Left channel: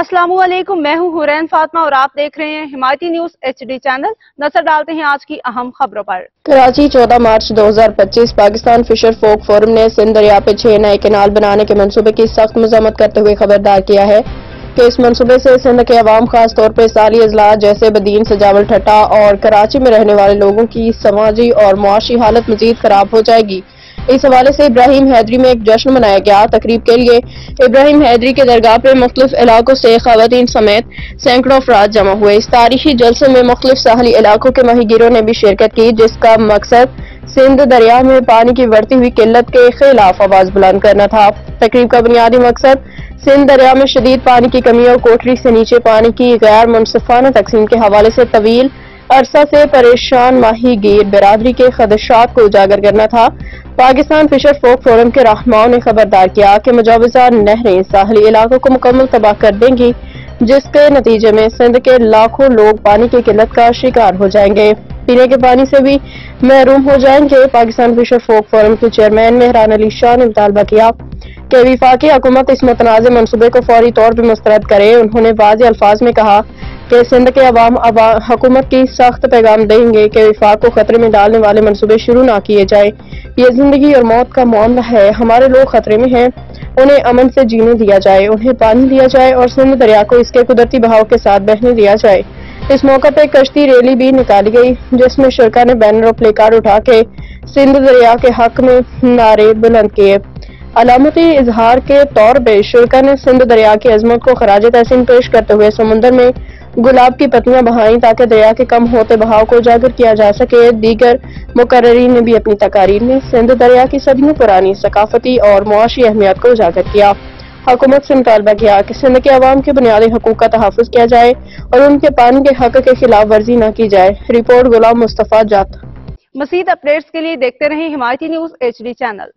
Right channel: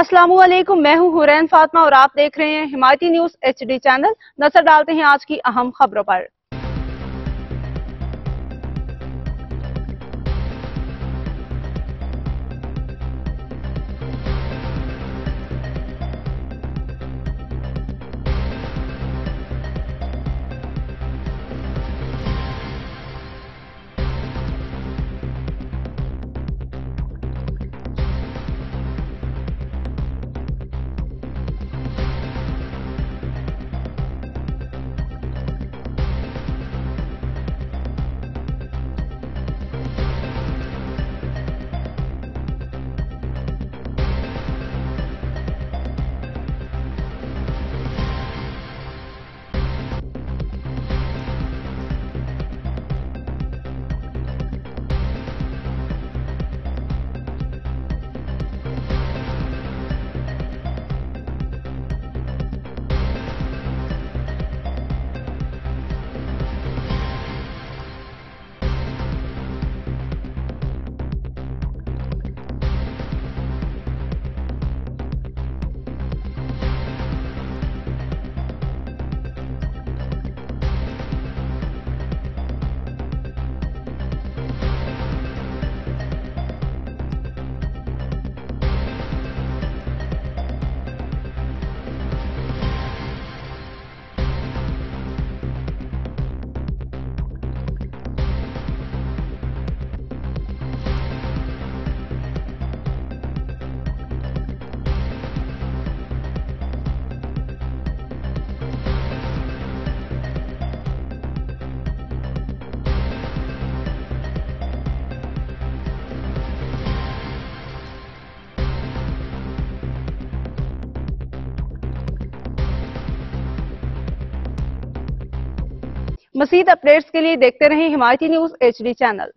अस्सलामु अलैकुम, मैं हूं हुरैन फातिमा और आप देख रहे हैं हिमायती न्यूज HD चैनल। नजर डालते हैं आज की अहम खबरों पर। कराची 14 मार्च 2025 पाकिस्तान फिशर फोक फोरम ने सिंध दरिया पे 6 नए कैनाल बनाने के मंसूबे की सख्त मजम्मत करते हुए खबरदार किया है कि इस मंसूबे से सिंध के अवाम खास तौर पर साली अजला जैसे बदीन सजावल ठट्टा और कराची में रहने वाले लोगों की समाजी और मुआशी हालत मजीद खराब हो जाएगी। इस हवाले से इब्राहिम हैदरी में एक जश्न मनाया गया। तकरीब के लिए इब्राहिम हैदरी के दरगाह पे मुख्तलिफ इलाकों से खवातीन समेत सैकड़ों अफराद जमा हुए। इस तारीखी जलसे में मुख्तलिफ साहली इलाकों के माहीगीरों ने भी शिरकत की, जिसका मकसद सिंध दरिया में पानी की बढ़ती हुई किल्लत के खिलाफ आवाज बुलंद करना था। तकरीब का बुनियादी मकसद सिंध दरिया में शदीद पानी की कमी और कोठरी से नीचे पानी की गैर मुनसिफाना तकसीम के हवाले से तवील अरसा से परेशान माहीगीर बिरादरी के खदशात को उजागर करना था। पाकिस्तान फिशर फोक फोरम के रहनुमाओं ने खबरदार किया कि मुजाविजा नहरें साहली इलाकों को मुकम्मल तबाह कर देंगी, जिसके नतीजे में सिंध के लाखों लोग पानी की किल्लत का शिकार हो जाएंगे, पीने के पानी से भी महरूम हो जाएंगे। पाकिस्तान फिशर फोक फोरम के चेयरमैन मेहरान अली शाह ने मुतालबा किया कि वफाकी हुकूमत इस मुतनाज़ मंसूबे को फौरी तौर पर मुस्तरद करे। उन्होंने वाज़ेह अल्फाज में कहा कि सिंध के अवाम हुकूमत की सख्त पैगाम देंगे कि वफाक को खतरे में डालने वाले मंसूबे शुरू ना किए जाए। ये जिंदगी और मौत का मामला है, हमारे लोग खतरे में हैं, उन्हें अमन से जीने दिया जाए, उन्हें पानी दिया जाए और सिंध दरिया को इसके कुदरती बहाव के साथ बहने दिया जाए। इस मौका पर कश्ती रैली भी निकाली गई, जिसमें शुरका ने बैनर और प्ले कार्ड उठा के सिंध दरिया के हक में नारे बुलंद किए। अलामती इजहार के तौर पर शुरका ने सिंध दरिया की अजमत को खराज तहसीन पेश करते हुए समुद्र में गुलाब की पत्तियां बहाई ताकि दरिया के कम होते बहाव को उजागर किया जा सके। दीगर मुकर्रीन ने भी अपनी तकारीर में सिंध दरिया की सदियों पुरानी सकाफती और मुआशी अहमियत को उजागर किया। हुकूमत से मुतालबा किया कि सिंध के अवाम के बुनियादी हकूक का तहफ़्फ़ुज़ किया जाए और उनके पानी के हक के खिलाफ वर्जी न की जाए। रिपोर्ट गुलाम मुस्तफा जात। मज़ीद अपडेट्स के लिए देखते रहें हिमायती न्यूज HD चैनल।